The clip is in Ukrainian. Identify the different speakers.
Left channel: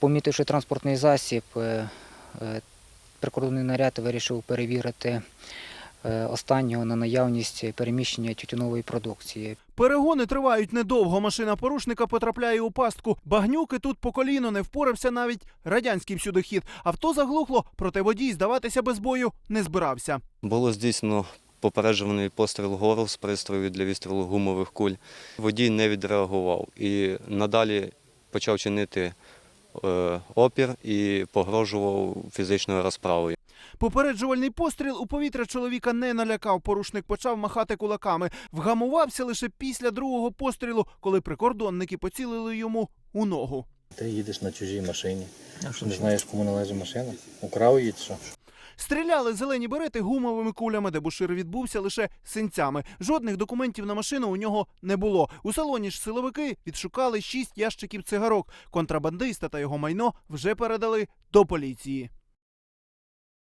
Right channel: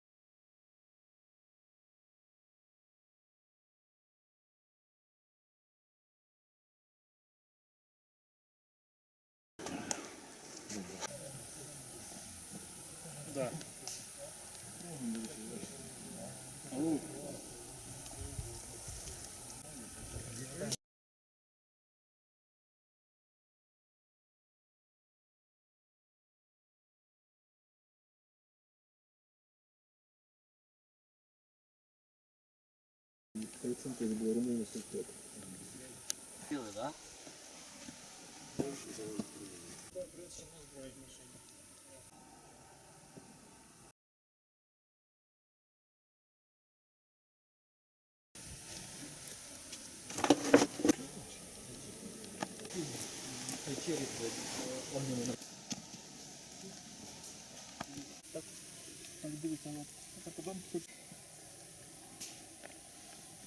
Speaker 1: Помітивши транспортний засіб, е, е, прикордонний наряд вирішив перевірити е, останнього на наявність переміщення тютюнової продукції.
Speaker 2: Перегони тривають недовго. Машина порушника потрапляє у пастку. Багнюки тут по коліно не впорався навіть радянський всюдохід. Авто заглухло, проте водій здаватися без бою не збирався.
Speaker 3: Було здійснено попереджуваний постріл гору з пристрою для відстрілу гумових куль. Водій не відреагував і надалі почав чинити опір і погрожував фізичною розправою.
Speaker 2: Попереджувальний постріл у повітря чоловіка не налякав. Порушник почав махати кулаками. Вгамувався лише після другого пострілу, коли прикордонники поцілили йому у ногу.
Speaker 4: Ти їдеш на чужій машині. Не знаєш, кому належить машина. Украв її чи що?
Speaker 2: Стріляли зелені берети гумовими кулями, де Бушир відбувся лише синцями. Жодних документів на машину у нього не було. У салоні ж силовики відшукали шість ящиків цигарок. Контрабандиста та його майно вже передали до поліції.